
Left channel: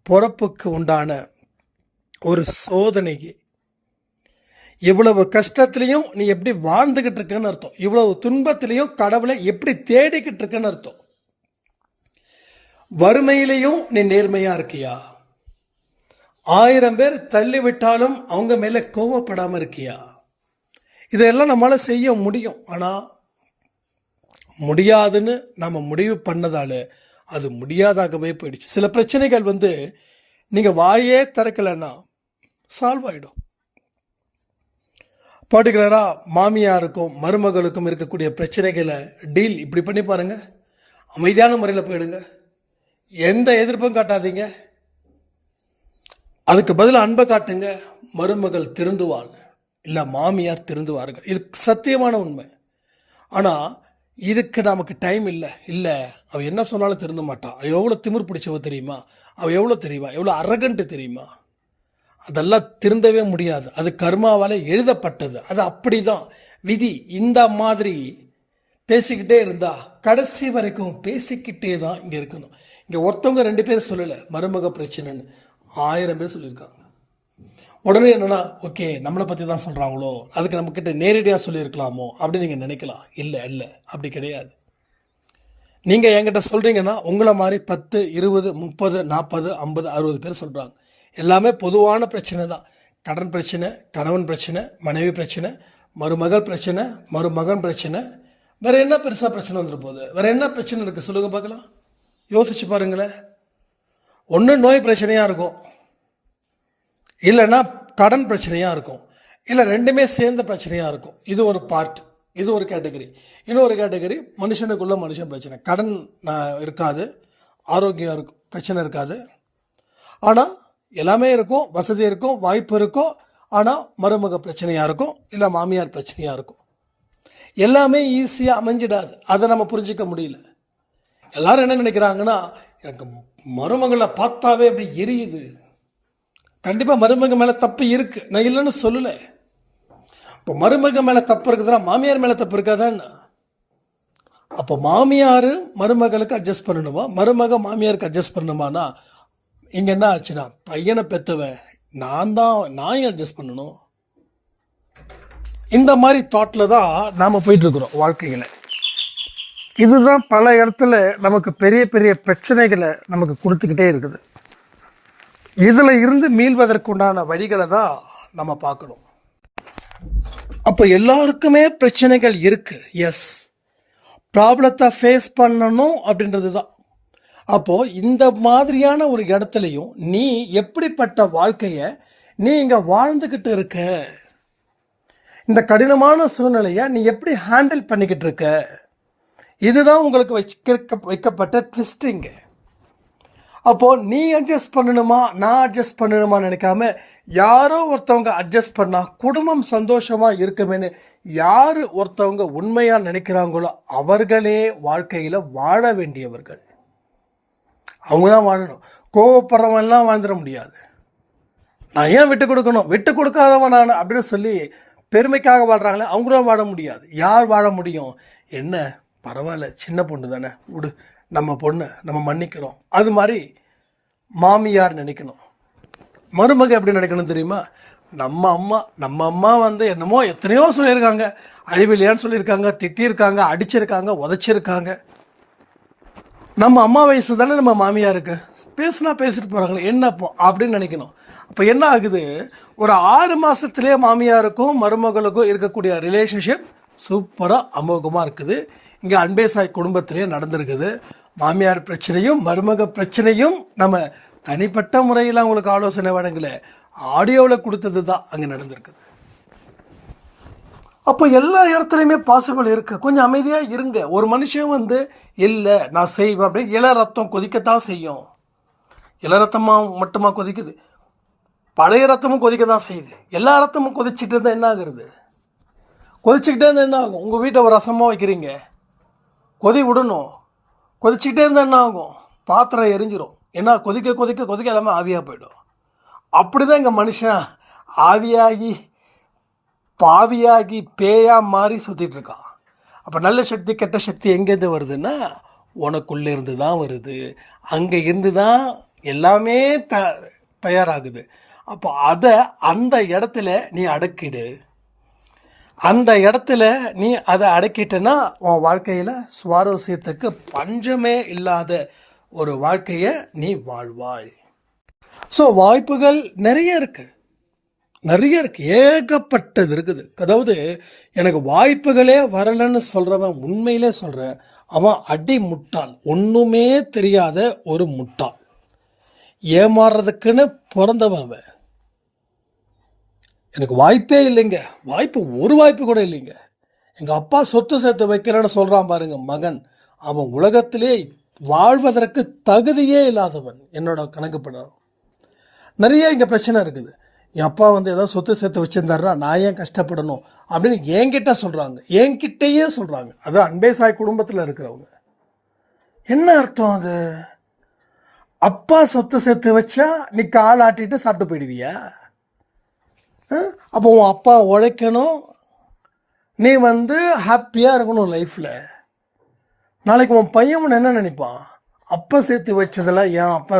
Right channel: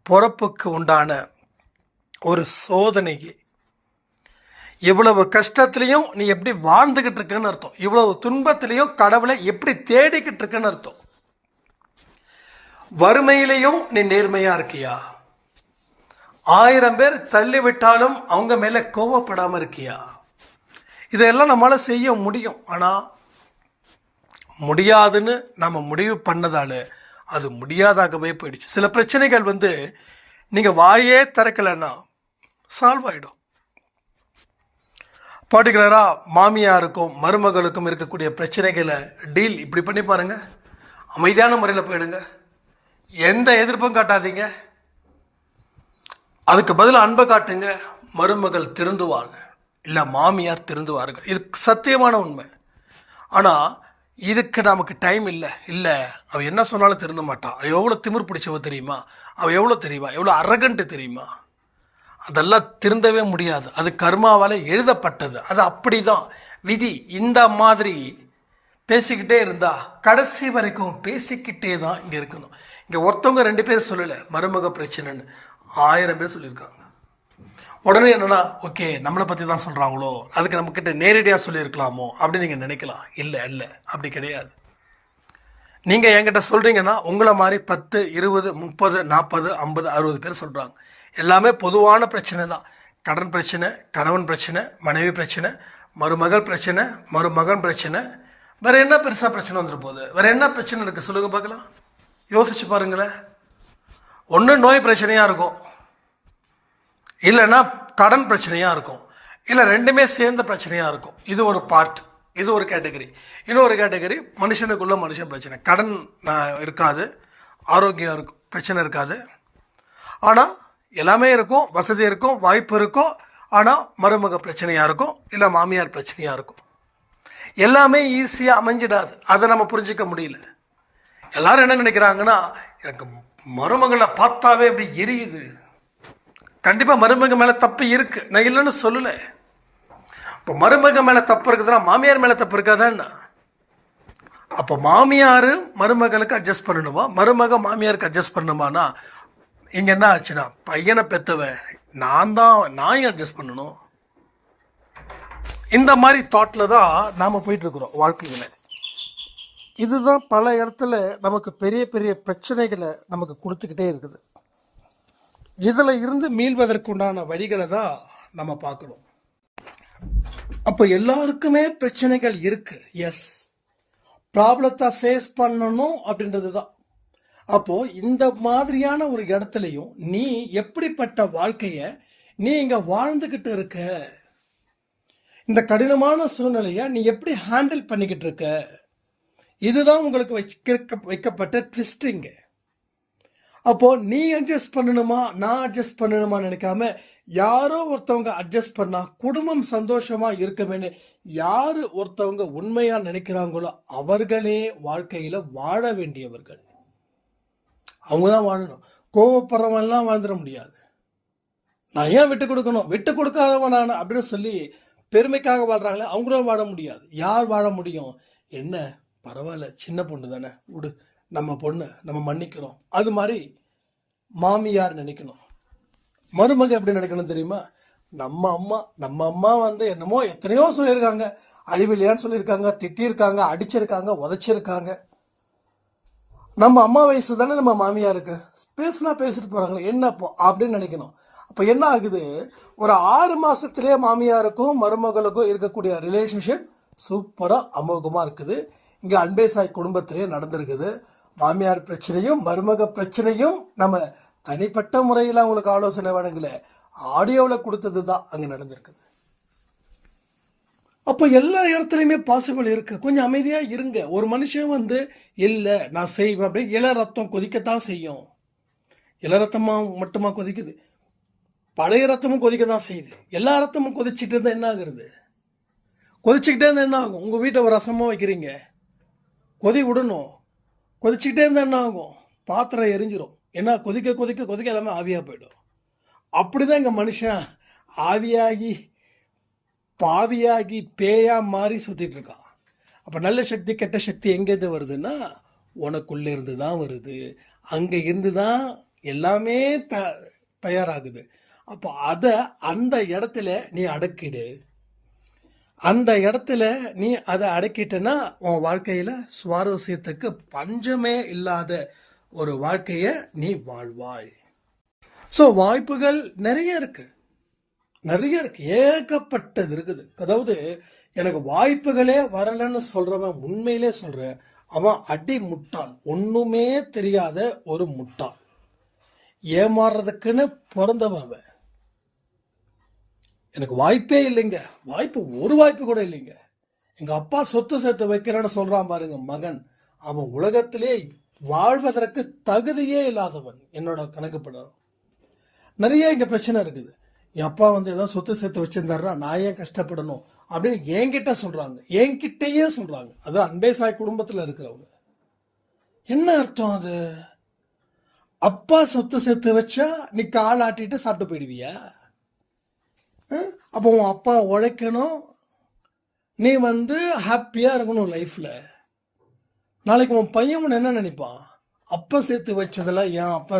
பிறப்புக்கு உண்டான ஒரு சோதனை. இவ்வளவு கஷ்டத்துலேயும் நீ எப்படி வாழ்ந்துக்கிட்டு இருக்கன்னு அர்த்தம். இவ்வளவு துன்பத்திலையும் கடவுளை எப்படி தேடிக்கிட்டு இருக்கன்னு அர்த்தம். வறுமையிலையும் நீ நேர்மையாக இருக்கியா? 1000 பேர் தள்ளிவிட்டாலும் அவங்க மேலே கோவப்படாமல் இருக்கியா? இதெல்லாம் நம்மளால் செய்ய முடியும். ஆனால் முடியாதுன்னு நம்ம முடிவு பண்ணதால் அது முடியாதாகவே போயிடுச்சு. சில பிரச்சனைகள் நீங்கள் வாயே திறக்கலைன்னா சால்வ் ஆகிடும். பர்டிகுலராக மாமியாருக்கும் மருமகளுக்கும் இருக்கக்கூடிய பிரச்சனைகளை டீல் இப்படி பண்ணி பாருங்கள். அமைதியான முறையில் போயிடுங்க. எந்த எதிர்ப்பும் காட்டாதீங்க. அதுக்கு பதில் அன்பை காட்டுங்க. மருமகள் திருந்துவாள், இல்லை மாமியார் திருந்துவார்கள். இது சத்தியமான உண்மை. ஆனால் இதுக்கு நமக்கு டைம் இல்லை. அவள் என்ன சொன்னாலும் திருந்த மாட்டான். அவள் எவ்வளோ திமிர் பிடிச்சவ தெரியுமா? அவள் எவ்வளோ தெரியுமா? எவ்வளோ அரகண்ட்டு தெரியுமா? அதெல்லாம் திருந்தவே முடியாது. அது கர்மாவால் எழுதப்பட்டது. அது அப்படி தான் விதி. இந்த மாதிரி பேசிக்கிட்டே இருந்தால் கடைசி வரைக்கும் பேசிக்கிட்டே தான் இங்கே இருக்கணும். இங்கே ஒருத்தவங்க 2 பேர் சொல்லலை மருமக பிரச்சனைன்னு, 1000 பேர் சொல்லியிருக்காங்க. உடனே என்னென்னா, ஓகே நம்மளை பற்றி தான் சொல்கிறாங்களோ, அதுக்கு நம்மக்கிட்ட நேரடியாக சொல்லியிருக்கலாமோ அப்படின்னு நீங்கள் நினைக்கலாம். இல்லை அப்படி கிடையாது. நீங்கள் என்கிட்ட சொல்கிறீங்கன்னா உங்களை மாதிரி 10, 20, 30, 40, 50, 60 பேர் சொல்கிறாங்க. எல்லாமே பொதுவான பிரச்சனை தான். கடன் பிரச்சனை, கணவன் பிரச்சனை, மனைவி பிரச்சனை, மருமகள் பிரச்சனை, மருமகன் பிரச்சனை. வேறு என்ன பெருசாக பிரச்சனை வந்துட்டு போகுது? வேறு என்ன பிரச்சனை இருக்குது சொல்லுங்கள் பார்க்கலாம். யோசிச்சு பாருங்களேன். ஒன்று நோய் பிரச்சனையாக இருக்கும், இல்லைன்னா கடன் பிரச்சனையாக இருக்கும், இல்லை 2மே சேர்ந்த பிரச்சனையாக இருக்கும். இது ஒரு பார்ட், இது ஒரு கேட்டகரி. இன்னொரு கேட்டகரி மனுஷனுக்குள்ள மனுஷன் பிரச்சனை. கடன் இருக்காது, ஆரோக்கியம் இருக்கும், பிரச்சனை இருக்காது. ஆனால் எல்லாமே இருக்கும், வசதி இருக்கும், வாய்ப்பு இருக்கும். ஆனால் மருமக பிரச்சனையாக இருக்கும், இல்லை மாமியார் பிரச்சனையாக இருக்கும். எல்லாமே ஈஸியாக அமைஞ்சிடாது. அதை நம்ம புரிஞ்சிக்க முடியல. எல்லோரும் என்ன நினைக்கிறாங்கன்னா, எனக்கு மருமகளை பார்த்தாவே அப்படி எரியுது. கண்டிப்பாக மருமக மேலே தப்பு இருக்குது, நான் இல்லைன்னு சொல்லலை. இப்போ மருமக மேலே தப்பு இருக்குதுன்னா மாமியார் மேலே தப்பு இருக்காதான்னா? அப்போ மாமியார் மருமகளுக்கு அட்ஜஸ்ட் பண்ணணுமா, மருமக மாமியாருக்கு அட்ஜஸ்ட் பண்ணணுமானா இங்கே என்ன ஆச்சுன்னா, பையனை பெற்றவன் நான் அட்ஜஸ்ட் பண்ணணும். இந்த மாதிரி தாட்டில் தான் நாம் போயிட்டுருக்குறோம் வாழ்க்கையில். இதுதான் பல இடத்துல நமக்கு பெரிய பெரிய பிரச்சனைகளை நமக்கு கொடுத்துக்கிட்டே இருக்குது. இதில் இருந்து மீள்வதற்குண்டான வழிகளை தான் நம்ம பார்க்கணும். அப்போ எல்லாருக்குமே பிரச்சனைகள் இருக்குது. எஸ், ப்ராப்ளத்தை ஃபேஸ் பண்ணணும் அப்படின்றது தான். அப்போது இந்த மாதிரியான ஒரு இடத்துலையும் நீ எப்படிப்பட்ட வாழ்க்கையை நீ இங்கே வாழ்ந்துக்கிட்டு இருக்க, இந்த கடினமான சூழ்நிலையை நீ எப்படி ஹேண்டில் பண்ணிக்கிட்டு இருக்க, இதுதான் உங்களுக்கு வைக்கப்பட்ட ட்விஸ்டிங்கு. அப்போது நீ அட்ஜஸ்ட் பண்ணணுமா நான் அட்ஜஸ்ட் பண்ணணுமான்னு நினைக்காம, யாரோ ஒருத்தவங்க அட்ஜஸ்ட் பண்ணால் குடும்பம் சந்தோஷமாக இருக்குமேனு யார் ஒருத்தவங்க உண்மையாக நினைக்கிறாங்களோ அவர்களே வாழ்க்கையில் வாழ வேண்டியவர்கள். அவங்க தான் வாழணும். கோவப்படுறவன்லாம் வாழ்ந்துட முடியாது. நான் ஏன் விட்டு கொடுக்கணும், விட்டு கொடுக்காதவன் நான் அப்படின்னு சொல்லி பெருமைக்காக வாழ்கிறாங்களே அவங்களும் வாழ முடியாது. யார் வாழ முடியும்? என்ன பரவாயில்ல, சின்ன பொண்ணு தானே, விடு, நம்ம பொண்ணு, நம்ம மன்னிக்கிறோம். அது மாதிரி மாமியார் நினைக்கணும். மருமக எப்படி நினைக்கணும் தெரியுமா? நம்ம அம்மா என்னமோ எத்தனையோ சொல்லியிருக்காங்க, அறிவில்லையான்னு சொல்லியிருக்காங்க, திட்டியிருக்காங்க, அடிச்சிருக்காங்க, உதச்சிருக்காங்க. நம்ம அம்மா வயசு தானே நம்ம மாமியாருக்கு, பேசுனா பேசிட்டு போகிறாங்களே என்னப்போ அப்படின்னு நினைக்கணும். அப்போ என்ன ஆகுது, ஒரு 6 மாதத்துலேயே மாமியாருக்கும் மருமகளுக்கும் இருக்கக்கூடிய ரிலேஷன்ஷிப் சூப்பராக அமோகமாக இருக்குது. இங்கே அன்பே சாய் குடும்பத்திலே நடந்திருக்குது. மாமியார் பிரச்சனையும் மருமக பிரச்சனையும் நம்ம தனிப்பட்ட முறையில் அவங்களுக்கு ஆலோசனை வழங்கலை, ஆடியோவில் கொடுத்தது தான் அங்கே நடந்திருக்குது. அப்போ எல்லா இடத்துலையுமே பாசிபிள் இருக்குது. கொஞ்சம் அமைதியாக இருங்க. ஒரு மனுஷன் இல்லை நான் செய்வேன் அப்படின்னு இள ரத்தம் கொதிக்கத்தான் செய்யும். இள ரத்தமாக மட்டுமா கொதிக்குது? பழைய ரத்தமும் கொதிக்க தான் செய்யுது. எல்லா ரத்தமும் கொதிச்சுட்டு இருந்தால் என்ன ஆகுறது? கொதிச்சுக்கிட்டே இருந்தால் என்ன ஆகும்? உங்கள் வீட்டை ஒரு ரசமாக வைக்கிறீங்க, கொதி விடணும். கொதிச்சுக்கிட்டே இருந்தால் என்ன ஆகும்? பாத்திரம் எரிஞ்சிரும். ஏன்னா கொதிக்க கொதிக்க கொதிக்க எல்லாமே ஆவியாக போயிடும். அப்படி தான் இங்கே மனுஷன் ஆவியாகி பாவியாகி பேயாக மாறி சுற்றிட்டு இருக்கான். அப்போ நல்ல சக்தி கெட்ட சக்தி எங்கேருந்து வருதுன்னா உனக்குள்ளே இருந்து தான் வருது. அங்கே இருந்து தான் எல்லாமே தயாராகுது. அப்போ அதை அந்த இடத்துல நீ அடக்கிடு. அந்த இடத்துல நீ அதை அடக்கிட்டனா உன் வாழ்க்கையில் சுவாரஸ்யத்துக்கு பஞ்சமே இல்லாத ஒரு வாழ்க்கையை நீ வாழ்வாய். ஸோ வாய்ப்புகள் நிறைய இருக்குது, ஏகப்பட்டது இருக்குது. அதாவது எனக்கு வாய்ப்புகளே வரலைன்னு சொல்கிறவன் உண்மையிலே சொல்கிறேன், அவன் அடி முட்டாள், ஒன்றுமே தெரியாத ஒரு முட்டாள், ஏமாறுறதுக்குன்னு பிறந்தவன் அவன். எனக்கு வாய்ப்பே இல்லைங்க, ஒரு வாய்ப்பு கூட இல்லைங்க. எங்கள் அப்பா சொத்து சேர்த்து வைக்கிறேன்னு சொல்கிறான் பாருங்க மகன், அவன் உலகத்திலே வாழ்வதற்கு தகுதியே இல்லாதவன் என்னோட கணக்குப்பட. நிறைய இங்கே பிரச்சனை இருக்குது. என் அப்பா ஏதோ சொத்து சேர்த்து வச்சுருந்தாருன்னா நான் ஏன் கஷ்டப்படணும் அப்படின்னு என்கிட்ட சொல்கிறாங்க, என்கிட்டயே சொல்கிறாங்க. அதான் அன்பே சாய் குடும்பத்தில் இருக்கிறவங்க. என்ன அர்த்தம் அது? அப்பா சொத்து சேர்த்து வச்சா நீ கால் ஆட்டிட்டு சாப்பிட்டு போயிடுவியா? அப்போ உன் அப்பா உழைக்கணும், நீ ஹாப்பியாக இருக்கணும் லைஃப்பில். நாளைக்கு உன் பையன் என்ன நினைப்பான்? அப்பா சேர்த்து வச்சதெல்லாம் என் அப்பா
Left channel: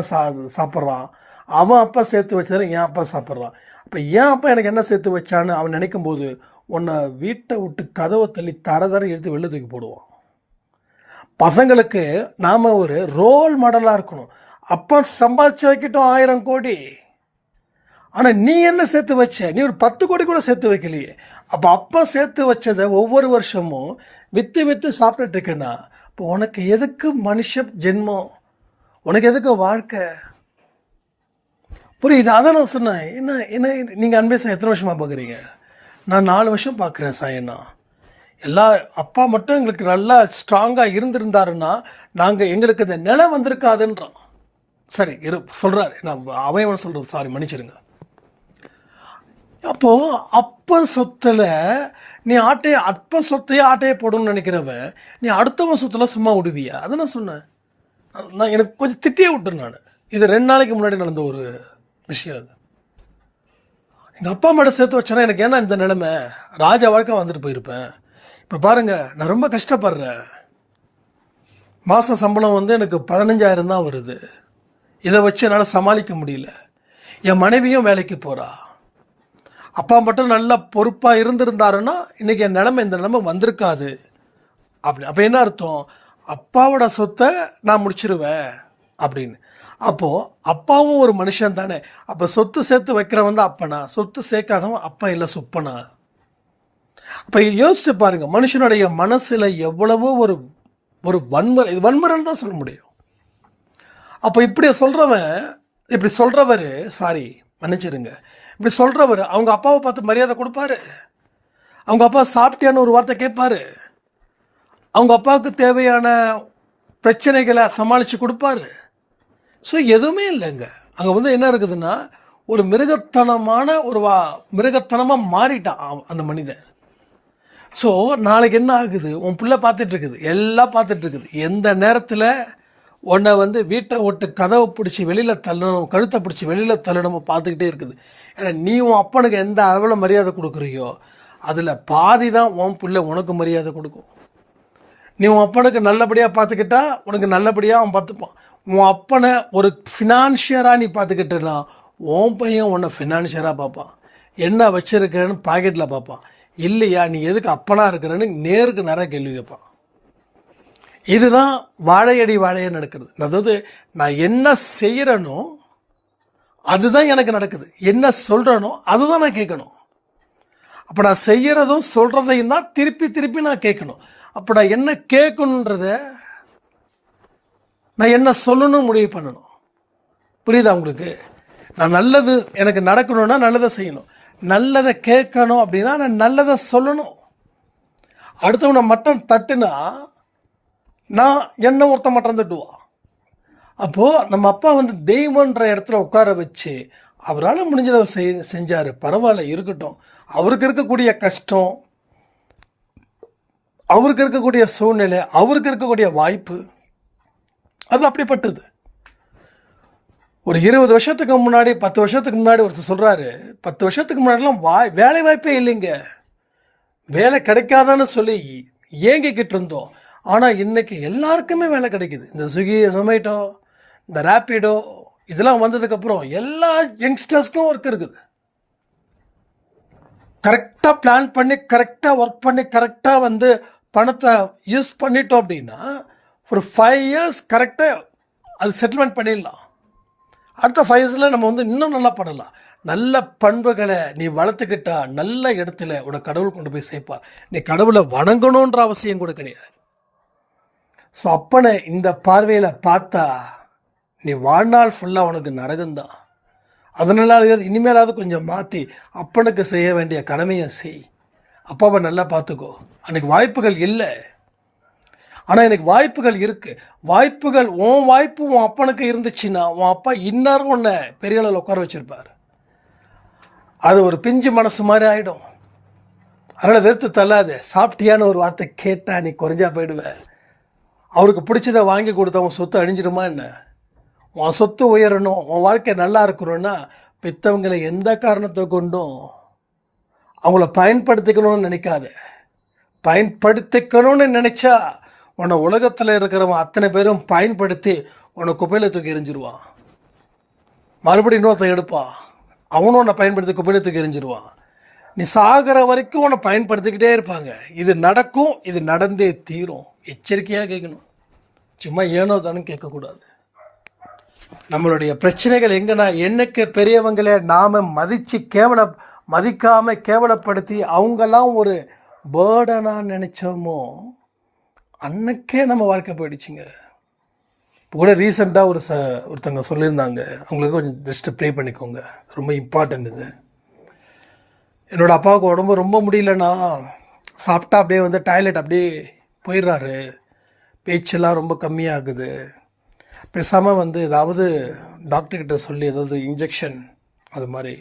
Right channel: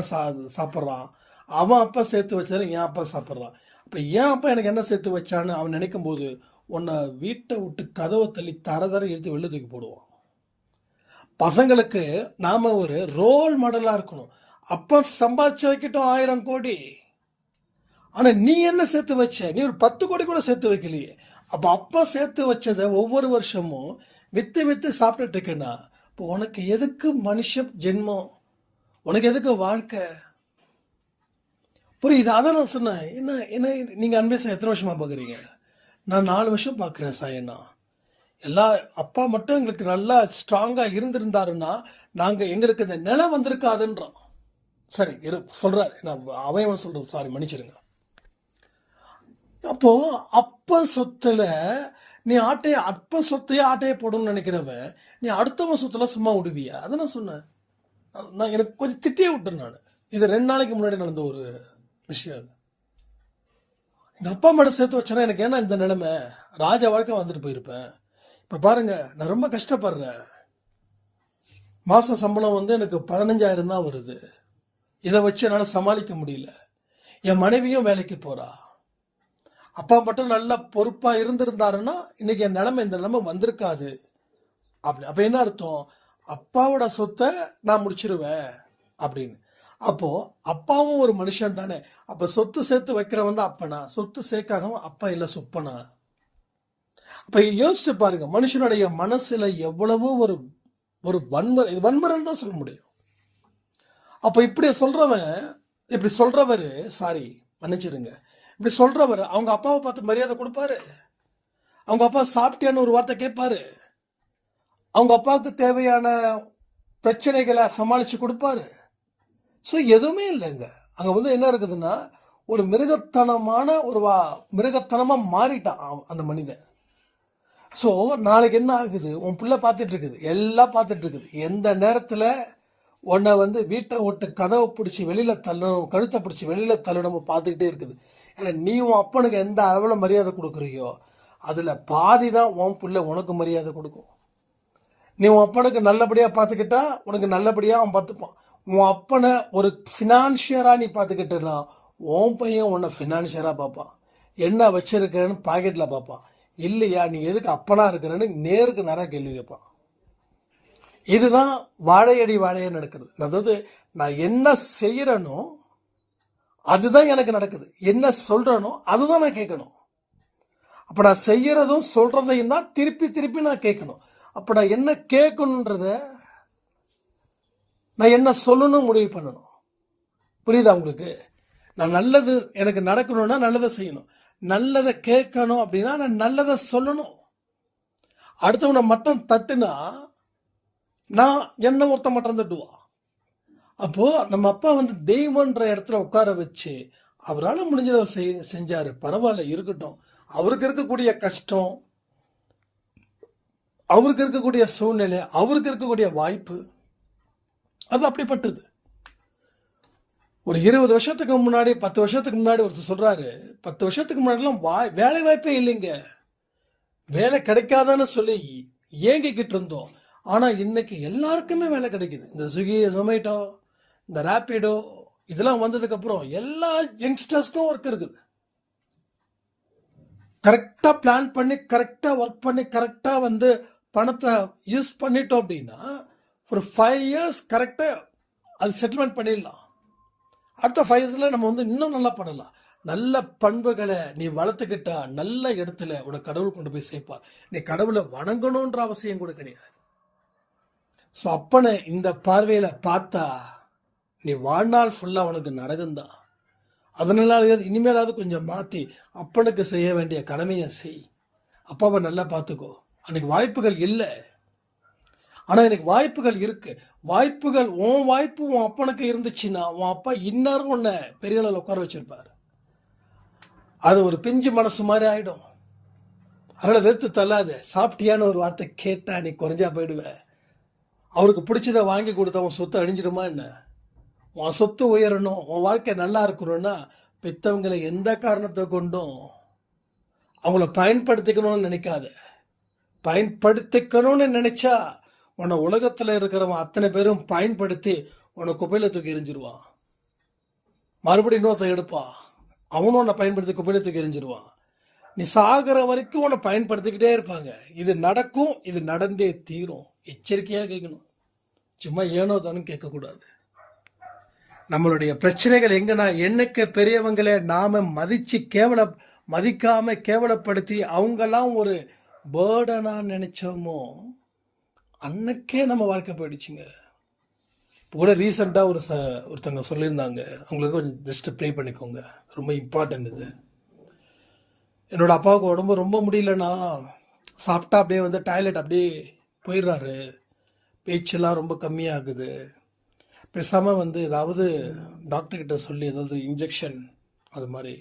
சாப்பிட்றான், அவன் அப்பா சேர்த்து வச்சதெல்லாம் என் அப்பா சாப்பிட்றான். அப்போ என் அப்பா எனக்கு என்ன சேர்த்து வச்சான்னு அவன் நினைக்கும் போது உன்னை வீட்டை விட்டு கதவை தள்ளி தர எடுத்து வெளில தூக்கி போடுவான். பசங்களுக்கு நாம் ஒரு ரோல் மாடலாக இருக்கணும். அப்பா சம்பாதிச்சு வைக்கட்டும் 1000 கோடி, ஆனால் நீ என்ன சேர்த்து வச்ச? நீ ஒரு 10 கோடி கூட சேர்த்து வைக்கலையே. அப்போ அப்பா சேர்த்து வச்சதை ஒவ்வொரு வருஷமும் விற்று விற்று சாப்பிட்டுட்டு இருக்கேன்னா இப்போ உனக்கு எதுக்கு மனுஷ ஜென்மம்? உனக்கு எதுக்கு வாழ்க்கை? புரியுது? அதான் நான் சொன்னேன். என்ன நீங்கள் அன்பே சார் எத்தனை வருஷமாக பார்க்குறீங்க? நான் 4 வருஷம் பார்க்குறேன் சாயண்ணா. அப்பா மட்டும் எங்களுக்கு நல்லா ஸ்ட்ராங்காக இருந்திருந்தாருன்னா எங்களுக்கு இந்த நிலை வந்திருக்காதுன்றான். சரி சொல்கிறாரு, நான் அவன் சொல்கிறது, சாரி மன்னிச்சிருங்க. அப்போது அப்ப சொத்தில் நீ அப்ப சொத்தையே ஆட்டையை போடணும்னு நினைக்கிறவன் நீ அடுத்தவன் சொத்தில் சும்மா விடுவியா? அதை நான் சொன்னேன். நான் எனக்கு கொஞ்சம் திட்டியே விட்டேன். நான் இது 2 நாளைக்கு முன்னாடி நடந்த ஒரு விஷயம். அது எங்கள் அப்பா அம்மாட்ட சேர்த்து வச்சேன்னா எனக்கு ஏன்னா இந்த நிலைமை ராஜா வாழ்க்கை வந்துட்டு போயிருப்பேன். இப்போ பாருங்கள், நான் ரொம்ப கஷ்டப்படுறேன். மாதம் சம்பளம் எனக்கு 15,000 தான் வருது. இதை வச்சு என்னால் சமாளிக்க முடியல. என் மனைவியும் வேலைக்கு போகிறா. அப்பா மட்டும் நல்லா பொறுப்பாக இருந்திருந்தாருன்னா இன்றைக்கி என் இந்த நிலைமை வந்திருக்காது. அப்போ என்ன அர்த்தம்? அப்பாவோட சொத்தை நான் முடிச்சிருவேன் அப்படின்னு. அப்போது அப்பாவும் ஒரு மனுஷன் தானே. அப்போ சொத்து சேர்த்து வைக்கிறவன் தான் அப்பனா, சொத்து சேர்க்காதவன் அப்பா இல்லை சொப்பனா. அப்போ யோசிச்சு பாருங்கள், மனுஷனுடைய மனசில் எவ்வளவோ ஒரு வன்முறை, இது வன்முறைன்னு தான் சொல்ல முடியும். அப்போ இப்படி சொல்கிறவர் சாரி மன்னிச்சிருங்க, இப்படி சொல்கிறவர் அவங்க அப்பாவை பார்த்து மரியாதை கொடுப்பாரு. அவங்க அப்பா சாப்பிட்டியான்னு ஒரு வார்த்தை கேட்பாரு. அவங்க அப்பாவுக்கு தேவையான பிரச்சனைகளை சமாளித்து கொடுப்பாரு. ஸோ எதுவுமே இல்லைங்க. அங்கே என்ன இருக்குதுன்னா ஒரு மிருகத்தனமாக மாறிட்டான் அந்த மனிதன். ஸோ நாளைக்கு என்ன ஆகுது? உன் பிள்ளை பார்த்துட்ருக்குது, எல்லாம் பார்த்துட்ருக்குது. எந்த நேரத்தில் உன்னை வீட்டை விட்டு கதவை பிடிச்சி வெளியில் தள்ளணும், கழுத்தை பிடிச்சி வெளியில் தள்ளணும் பார்த்துக்கிட்டே இருக்குது. ஏன்னா நீ உன் அப்பனுக்கு எந்த அளவில் மரியாதை கொடுக்குறியோ அதில் பாதி தான் உன் பிள்ளை உனக்கு மரியாதை கொடுக்கும். நீ உன் அப்பனுக்கு நல்லபடியாக பார்த்துக்கிட்டா உனக்கு நல்லபடியாக அவன் பார்த்துப்பான். உன் அப்பனை ஒரு ஃபினான்ஷியராக நீ பார்த்துக்கிட்டேன்னா உன் பையன் உன்னை ஃபினான்ஷியராக பார்ப்பான். என்ன வச்சுருக்கேன்னு பாக்கெட்டில் பார்ப்பான். இல்லையா நீ எதுக்கு அப்பனாக இருக்கிறேன்னு நேருக்கு நேராக கேள்வி கேட்பான். இதுதான் வாழையடி வாழைய நடக்குது. அதாவது நான் என்ன செய்கிறேனோ அதுதான் எனக்கு நடக்குது, என்ன சொல்கிறேனோ அதுதான் நான் கேட்கணும். அப்போ நான் செய்கிறதும் சொல்கிறதையும் தான் திருப்பி நான் கேட்கணும். அப்போ நான் என்ன கேட்கணுன்றத நான் என்ன சொல்லணும் முடிவு பண்ணணும். புரியுதா உங்களுக்கு? நான் நல்லது எனக்கு நடக்கணும்னா நல்லதை செய்யணும், நல்லதை கேட்கணும் அப்படின்னா நான் நல்லதை சொல்லணும். அடுத்தவனை மட்டம் தட்டுனா நான் என்ன ஒருத்தன் மட்டம் தட்டுவான். அப்போது நம்ம அப்பா தெய்வன்ற இடத்துல உட்கார வச்சு அவரால் முடிஞ்சதை செஞ்சார். பரவாயில்ல இருக்கட்டும். அவருக்கு இருக்கக்கூடிய கஷ்டம் அவருக்கு இருக்கக்கூடிய சூழ்நிலை, அவருக்கு இருக்கக்கூடிய வாய்ப்பு, அது அப்படிப்பட்டது. ஒரு 20 வருஷத்துக்கு முன்னாடி, 10 வருஷத்துக்கு முன்னாடி ஒருத்தர் சொல்கிறாரு, 10 வருஷத்துக்கு முன்னாடிலாம் வேலை வாய்ப்பே இல்லைங்க, வேலை கிடைக்காதான்னு சொல்லி ஏங்கிக்கிட்டு இருந்தோம். ஆனால் இன்னைக்கு எல்லாருக்குமே வேலை கிடைக்குது. இந்த ஸ்விக்கி, ஜொமேட்டோ, இந்த ரேப்பிடோ இதெல்லாம் வந்ததுக்கப்புறம் எல்லா யங்ஸ்டர்ஸ்க்கும் ஒர்க் இருக்குது. கரெக்டாக பிளான் பண்ணி, கரெக்டாக ஒர்க் பண்ணி, கரெக்டாக வந்து பணத்தை யூஸ் பண்ணிட்டோம் அப்படின்னா ஒரு 5 இயர்ஸ் கரெக்டாக அது செட்டில்மெண்ட் பண்ணிடலாம். அடுத்த 5 இயர்ஸில் நம்ம வந்து இன்னும் நல்லா பண்ணலாம். நல்ல பண்புகளை நீ வளர்த்துக்கிட்டா நல்ல இடத்துல உனக்கு கடவுள் கொண்டு போய் சேர்ப்பார். நீ கடவுளை வணங்கணுன்ற அவசியம் கூட கிடையாது. ஸோ அப்பனை இந்த பார்வையில் பார்த்தா நீ வாழ்நாள் ஃபுல்லாக உனக்கு நரகம்தான். அதனால இனிமேலாவது கொஞ்சம் மாற்றி அப்பனுக்கு செய்ய வேண்டிய கடமையை செய். அப்பாவை நல்லா பார்த்துக்கோ. அன்றைக்கி வாய்ப்புகள் இல்லை, ஆனால் எனக்கு வாய்ப்புகள் இருக்குது. வாய்ப்புகள் உன் வாய்ப்பு உன் அப்பனுக்கு இருந்துச்சுன்னா உன் அப்பா இன்னாரும் உன்னை பெரிய அளவில் உட்கார வச்சுருப்பார். அது ஒரு பிஞ்சு மனசு மாதிரி ஆகிடும். அதனால் வெறுத்து தள்ளாது. சாப்பிட்டியான்னு ஒரு வார்த்தை கேட்டால் நீ குறைஞ்சா போயிடுவேன். அவருக்கு பிடிச்சதை வாங்கி கொடுத்தா உன் சொத்து அழிஞ்சிடுமா என்ன? உன் சொத்து உயரணும், உன் வாழ்க்கை நல்லா இருக்கணும்னா பெற்றவங்களை எந்த காரணத்தை கொண்டும் அவங்கள பயன்படுத்திக்கணும்னு நினைக்காத. பயன்படுத்திக்கணும்னு நினச்சா உன்னை உலகத்தில் இருக்கிறவன் அத்தனை பேரும் பயன்படுத்தி உன்னை குப்பையில் தூக்கி எறிஞ்சிருவான். மறுபடியும் இன்னொருத்தன் எடுப்பான், அவனும் உன்னை பயன்படுத்தி குப்பையில் தூக்கி எறிஞ்சிருவான். நீ சாகிற வரைக்கும் உன்னை பயன்படுத்திக்கிட்டே இருப்பாங்க. இது நடக்கும், இது நடந்தே தீரும். எச்சரிக்கையாக கேட்கணும், சும்மா ஏனோ தானே கேட்கக்கூடாது. நம்மளுடைய பிரச்சனைகள் எங்கன்னா என்னைக்கு பெரியவங்களே நாம் மதிக்காமல் கேவலப்படுத்தி அவங்கெல்லாம் ஒரு பேர்டனாக நினச்சோமோ அன்னைக்கே நம்ம வாழ்க்கை போயிடுச்சுங்க. இப்போ கூட ரீசெண்டாக ஒருத்தவங்க சொல்லியிருந்தாங்க, அவங்களுக்கு கொஞ்சம் ஜஸ்ட்டு ப்ரே பண்ணிக்கோங்க, ரொம்ப இம்பார்ட்டன்ட் இது. என்னோடய அப்பாவுக்கு உடம்பு ரொம்ப முடியலன்னா சாப்பிட்டா அப்படியே வந்து டாய்லெட் அப்படியே போயிடுறாரு, பேச்செல்லாம் ரொம்ப கம்மியாகுது. பேசாமல் வந்து ஏதாவது டாக்டர்கிட்ட சொல்லி ஏதாவது இன்ஜெக்ஷன் அது மாதிரி.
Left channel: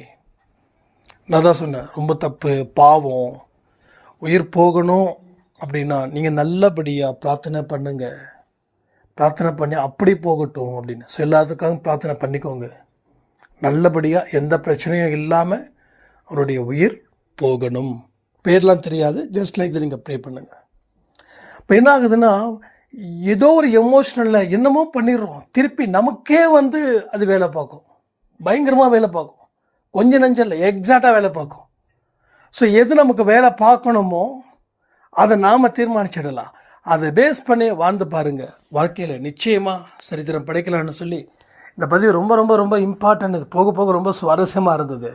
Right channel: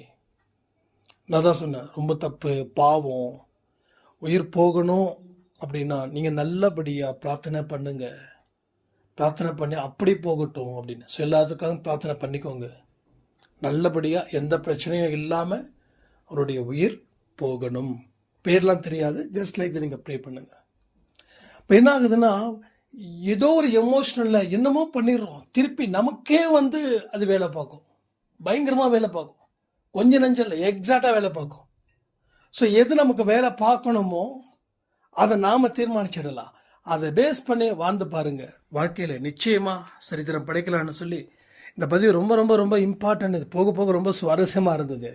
நான் தான் சொன்னேன், ரொம்ப தப்பு, பாவம். உயிர் போகணும் அப்படின்னா நீங்கள் நல்லபடியாக பிரார்த்தனை பண்ணுங்க, பிரார்த்தனை பண்ணி அப்படி போகட்டும் அப்படின்னு. ஸோ எல்லாத்துக்காகவும் பிரார்த்தனை பண்ணிக்கோங்க. நல்லபடியாக எந்த பிரச்சனையும் இல்லாமல் அவருடைய உயிர் போகணும். பேர்லாம் தெரியாது, ஜஸ்ட் லைக் நீங்கள் ப்ரே பண்ணுங்கள். இப்போ என்ன ஆகுதுன்னா, ஏதோ ஒரு எமோஷ்னலில் என்னமோ பண்ணிடுறோம், திருப்பி நமக்கே வந்து அது வேலை பார்க்கும், பயங்கரமாக வேலை பார்க்கும். கொஞ்சம் நஞ்சம் இல்லை, எக்ஸாக்டாக வேலை பார்க்கும். ஸோ எது நமக்கு வேலை பார்க்கணுமோ அதை நாம் தீர்மானிச்சிடலாம். அதை பேஸ் பண்ணி வாழ்ந்து பாருங்கள். வாழ்க்கையில் நிச்சயமாக சரித்திரம் படைக்கலான்னு சொல்லி இந்த பதிவு ரொம்ப ரொம்ப ரொம்ப இம்பார்ட்டன்ட். இது போக போக ரொம்ப சுவாரஸ்யமாக இருந்தது.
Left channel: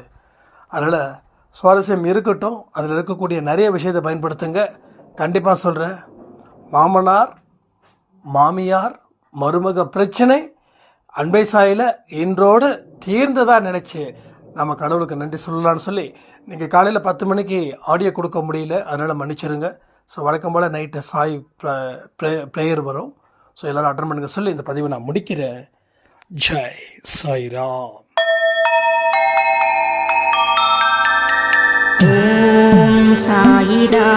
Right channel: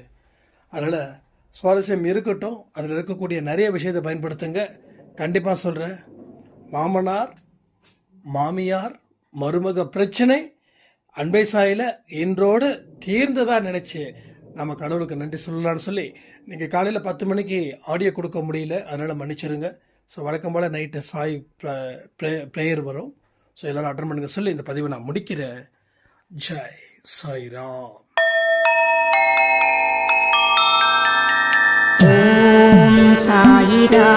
அதனால் சுவாரஸ்யம் இருக்கட்டும், அதில் இருக்கக்கூடிய நிறைய விஷயத்தை பயன்படுத்துங்க. கண்டிப்பாக சொல்கிறேன், மாமனார் மாமியார் மருமக பிரச்சனை அன்பை சாயில் இன்றோடு தீர்ந்ததாக நினச்சி நம்ம கடவுளுக்கு நன்றி சொல்லலான்னு சொல்லி, நீங்கள் காலையில் 10 மணிக்கு ஆடியோ கொடுக்க முடியல, அதனால் மன்னிச்சிருங்க. ஸோ வழக்கம் போல் நைட்டு சாய் ப்ரேயர் வரும். ஸோ எல்லோரும் அட்டன் பண்ணுங்க சொல்லி இந்த பதிவை நான் முடிக்கிறேன். ஜெய் சாய்ராம். ஓம் சாயிரா.